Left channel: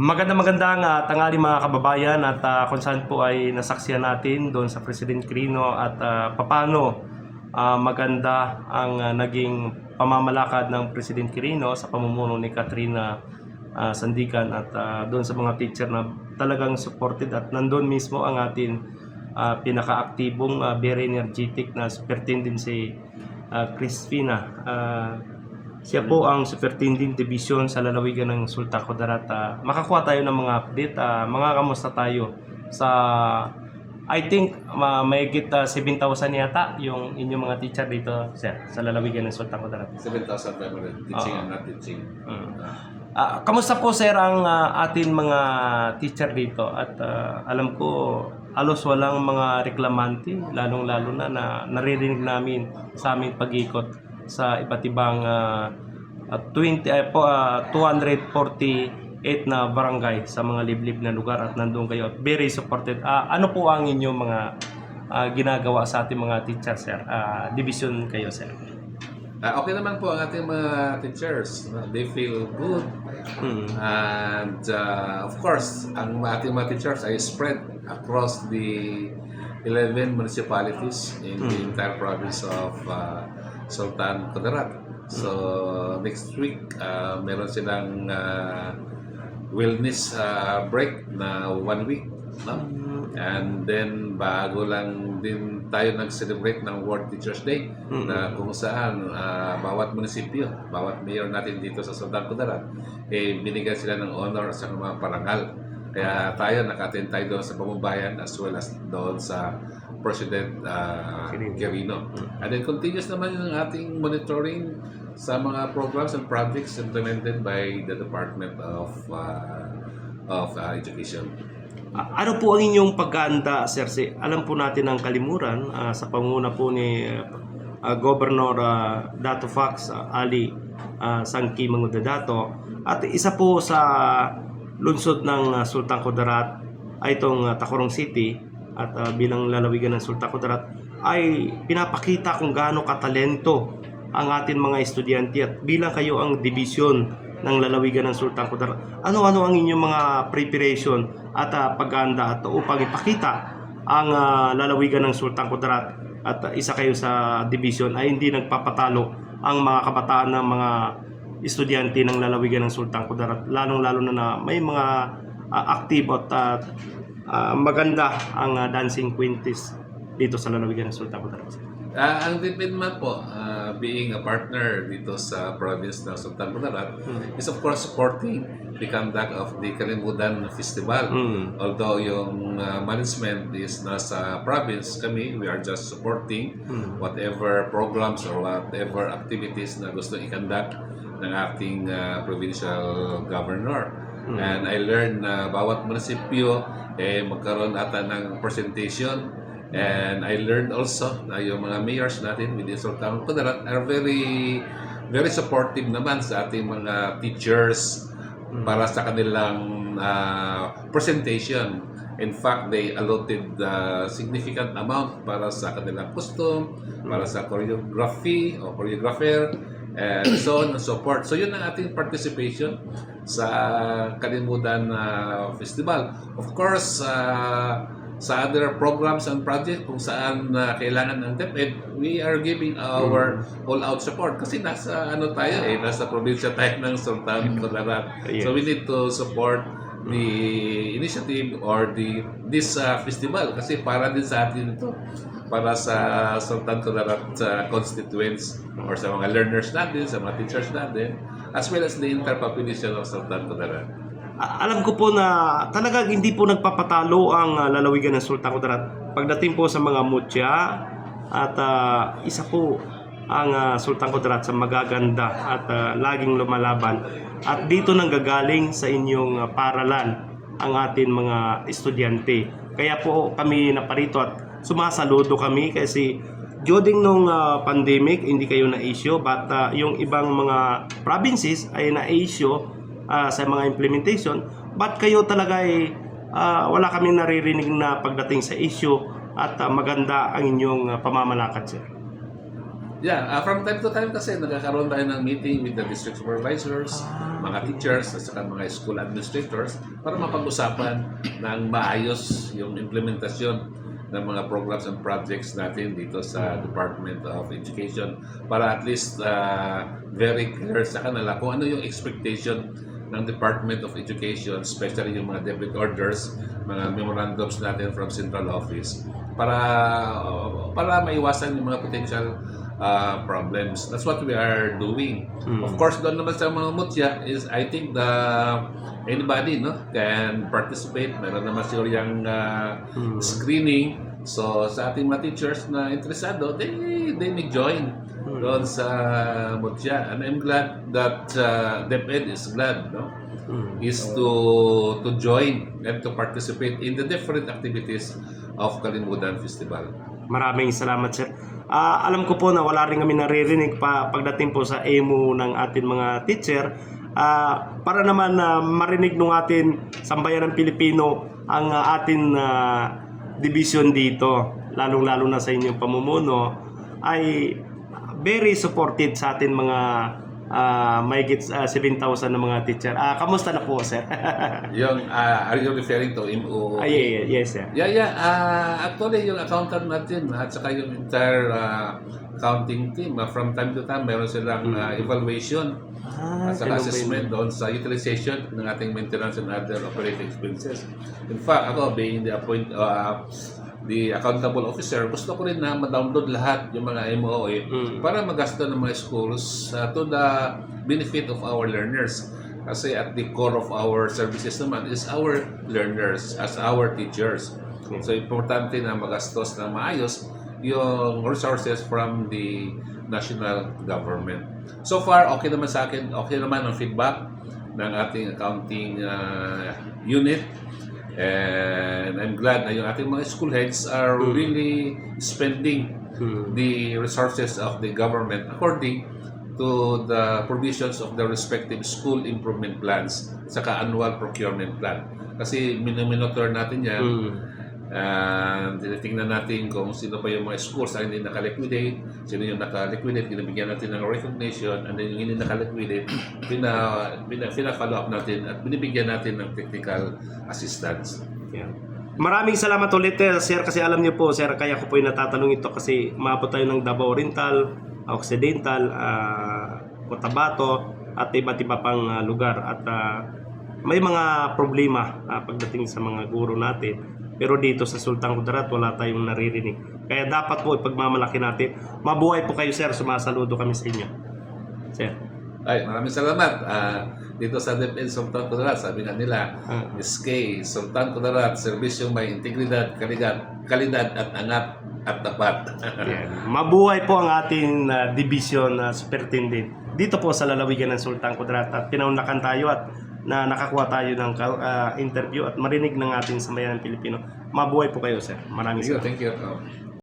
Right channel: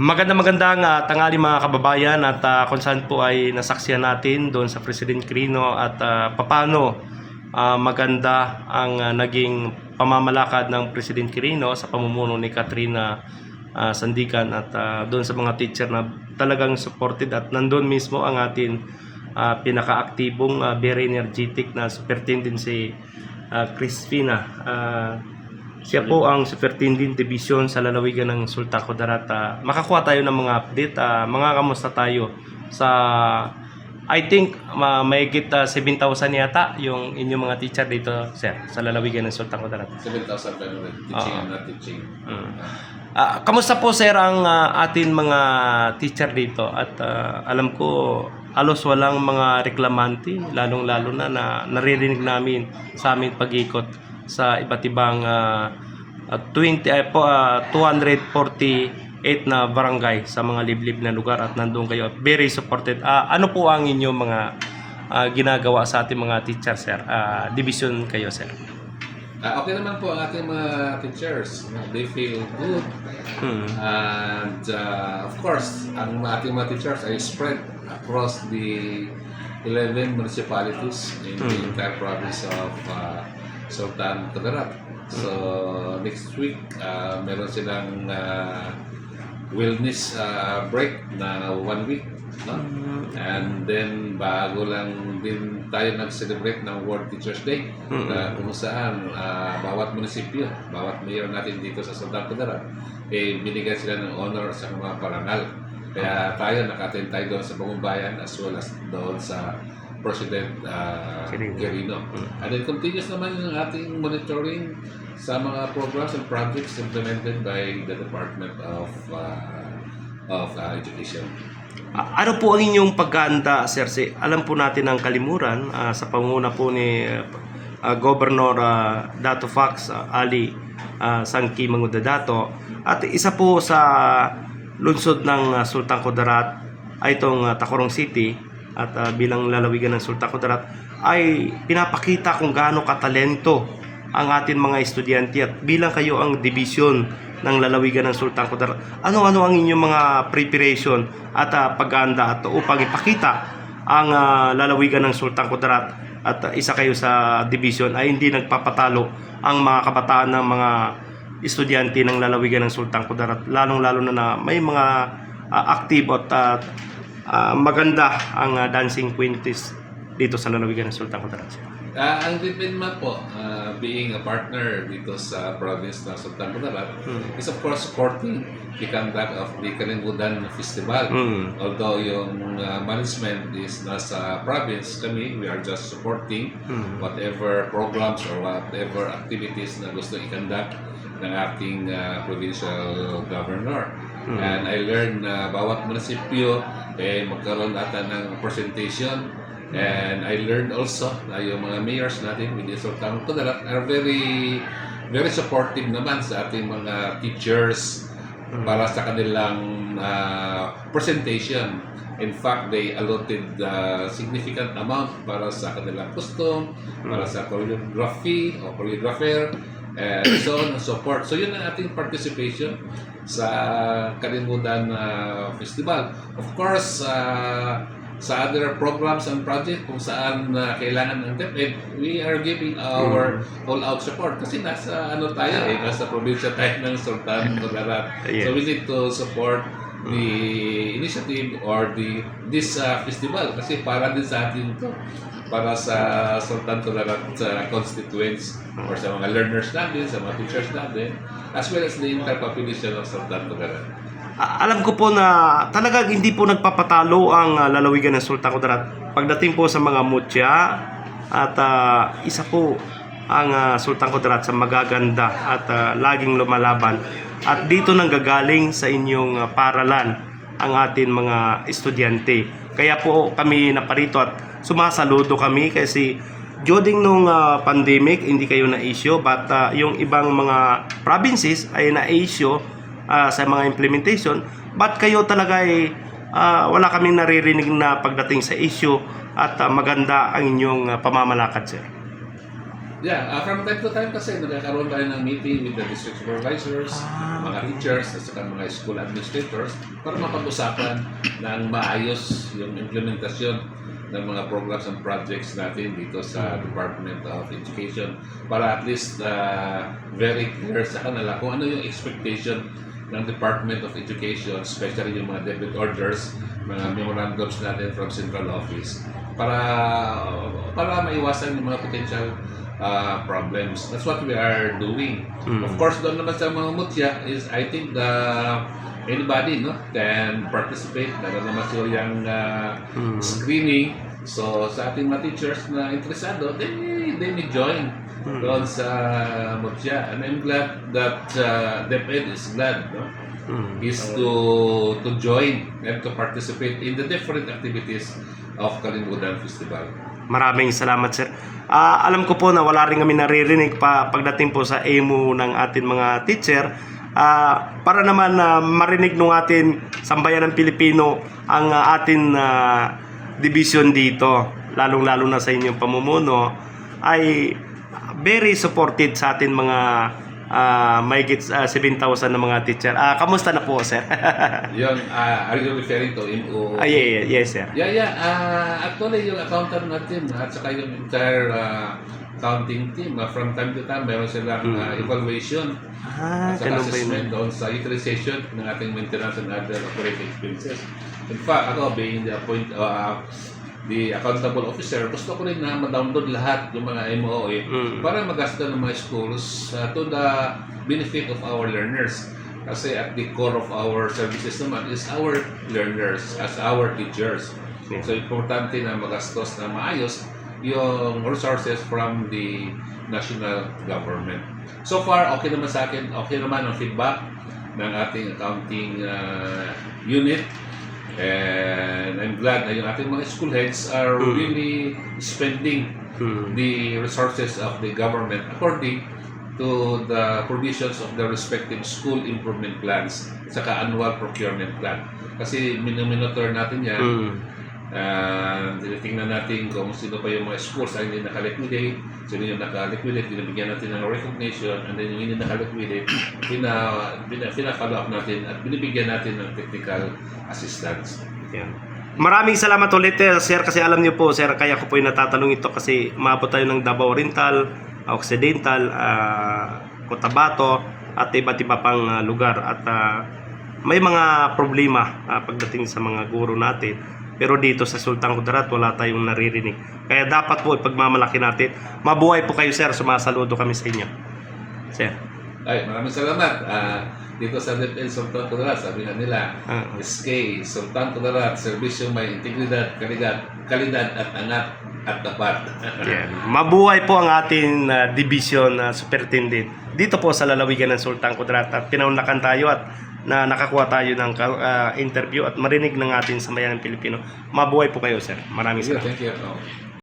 Magandang tanghali mga kababayan at kung saan po ay nasaksiyan natin doon sa President Quirino at papaano maganda ang naging pamamalakad ng President Quirino sa pamumuno ni Katrina Sandikan at doon sa mga teacher na talagang supported at nandun mismo ang ating pinaka-aktibong very energetic na superintendent si Crispina. Siya po ang Superintendent Division sa lalawigan ng Sultan Kudarat. Makakuha tayo ng mga update. Mga kamusta tayo sa I think mahigit 7,000 yata yung inyong mga teacher dito, sir, sa lalawigan ng Sultan Kudarat. 7,500 teaching and not teaching. Kamusta po, sir, ang atin mga teacher dito? At alam ko halos walang mga reklamante, lalong-lalo na naririnig namin sa aming pag-ikot sa iba't ibang 248 na barangay sa mga liblib na lugar at nandoon kayo. Very supported. Ano po ang inyong mga ginagawa sa ating mga teacher, sir? Division kayo, sir. Okay naman po ang ating mga teachers. They feel good. And of course, ang ating mga teachers ay spread across the 11 municipalities in the entire province of Sultan Kudarat. So next week, meron silang wellness break na 1 week, no? And then bago lang din tayo nag-celebrate ng World Teachers Day, na kung saan bawat munisipyo, bawat mayor natin dito sa Sultan Kudarat, binigyan sila ng honor sa mga parangal. Kaya tayo naka-attend tayo doon sa Pamumbayan as well as doon sa President Quirino. And then continuous naman yung ating monitoring sa mga programs and projects implemented by the Department of Education. Ano po ang inyong pagkahanda, sir? Alam po natin ang Kalimuran sa pangunguna po ni Governor Dato Fax Ali Sangki Mangudadato, at isa po sa lungsod ng Sultan Kudarat ay itong Tacurong City, at bilang lalawigan ng Sultan Kudarat ay pinapakita kung gaano katalento ang ating mga estudyante, at bilang kayo ang division ng lalawigan ng Sultan Kudarat, ano-ano ang inyong mga preparation at paghahanda at upang ipakita ang lalawigan ng Sultan Kudarat at isa kayo sa division ay hindi nagpapatalo ang mga kabataan ng mga estudyante ng lalawigan ng Sultan Kudarat, lalong-lalo na may mga active at maganda ang dancing quinties dito sa lalawigan ng Sultan Kudarat. Ang DepEdMA po, being a partner dito sa province ng Sultan Kudarat, is of course supporting the conduct of the Kalimutan Festival. Although yung management is nasa province, kami, we are just supporting whatever programs or whatever activities na gusto i-conduct ng ating provincial governor. And I learned na bawat munisipyo magkaroon ata ng presentation. And I learned also na yung mga mayors natin within Sultan Kudarat are very supportive naman sa ating mga teachers para sa kanilang presentation. In fact, they allotted significant amount para sa kanilang costume, para sa choreography o choreographer, and so on and so forth. So yun ang ating participation sa Kalimutan Festival. Of course, sa other programs and projects kung saan kailangan ng DepEd, we are giving our all-out support kasi nasa nasa probinsya tayo ng Sultan Kudarat. So we need to support the initiative or this festival kasi para din sa atin ito, para sa Sultan Kudarat constituents or sa mga learners natin, sa mga teachers natin, as well as the entire population of Sultan Kudarat. Alam ko po na talagang hindi po nagpapatalo ang lalawigan ng Sultan Kudarat pagdating po sa mga mutya, at isa po ang Sultan Kudarat sa magaganda at laging lumalaban, at dito nang gagaling sa inyong paralan ang ating mga estudyante. Kaya po kami naparito at sumasaludo kami kasi during nung pandemic hindi kayo na-issue, but yung ibang mga provinces ay na-issue sa mga implementation, but kayo talaga ay wala kaming naririnig na pagdating sa issue, at maganda ang inyong pamamalakad, sir. From time to time kasi nagkakaroon tayo ng meeting with the district supervisors, mga teachers, at saka mga school administrators para mapag-usapan ng maayos yung implementasyon ng mga programs and projects natin dito sa Department of Education para at least very clear sa kanila kung ano yung expectation ng Department of Education, especially yung mga debit orders, mga memorandums natin from Central Office para maiwasan yung mga potential problems. That's what we are doing. Of course, doon naman sa mga mutya is I think anybody can participate. Meron naman siguro yung screening. So sa ating mga teachers na interesado, they may join doon sa mutya. And I'm glad that DepEd is glad, is to join and to participate in the different activities of Kalimudan Festival. Maraming salamat, sir. Alam ko po na wala rin kami naririnig pagdating po sa EMU ng ating mga teacher. Para naman marinig ng ating sambayan ng Pilipino ang ating division dito, lalong-lalo na sa inyong pamumuno, ay very supported sa ating mga mahigit 7,000 na mga teacher. Kamusta na po, sir? Are you referring to MO? Yes, sir. Actually, yung accountant natin at saka yung entire accounting team, from time to time, meron silang evaluation at saka assessment doon sa utilization ng ating maintenance and other operating expenses. In fact, ako being the accountable officer, gusto ko rin na ma-download lahat yung mga MOE para magasta ng mga schools to the benefit of our learners. Kasi at the core of our services naman is our learners as our teachers. So importante na magastos na maayos yung resources from the national government. So far, okay naman sa akin, okay naman ang feedback ng ating accounting unit. And I'm glad na yung ating mga school heads are really spending the resources of the government according to the provisions of the respective school improvement plans saka annual procurement plan. Kasi minomonitor natin yan. And tinitingnan natin kung sino pa yung mga schools ay hindi naka-liquidate, sino yung naka-liquidate, binibigyan natin ng recognition, and then yung hindi naka-liquidate, pina-follow up natin at binibigyan natin ng technical assistance. Yeah. Maraming salamat ulit, sir, kasi alam niyo po, sir, kaya ko po yung natatanong ito kasi maabot tayo ng Davao Oriental, Occidental, Cotabato, at iba't iba pang lugar. At may mga problema pagdating sa mga guro natin. Pero dito sa Sultan Kudarat, wala tayong naririnig. Kaya dapat po ipagmamalaki natin. Mabuhay po kayo, sir. Sumasaludo kami sa inyo. Sir. Ay, maraming salamat. Dito sa DepEd Sultan Kudarat, sabi nga nila, SK, Sultan Kudarat, serbisyong may integridad, kalidad at angat at tapat. Mabuhay po ang ating division superintendent dito po sa lalawigan ng Sultan Kudarat. At pinaunlakan tayo at na nakakuha tayo ng interview at marinig ng ating sambayan ng Pilipino. Mabuhay po kayo, sir. Maraming salamat. Thank you.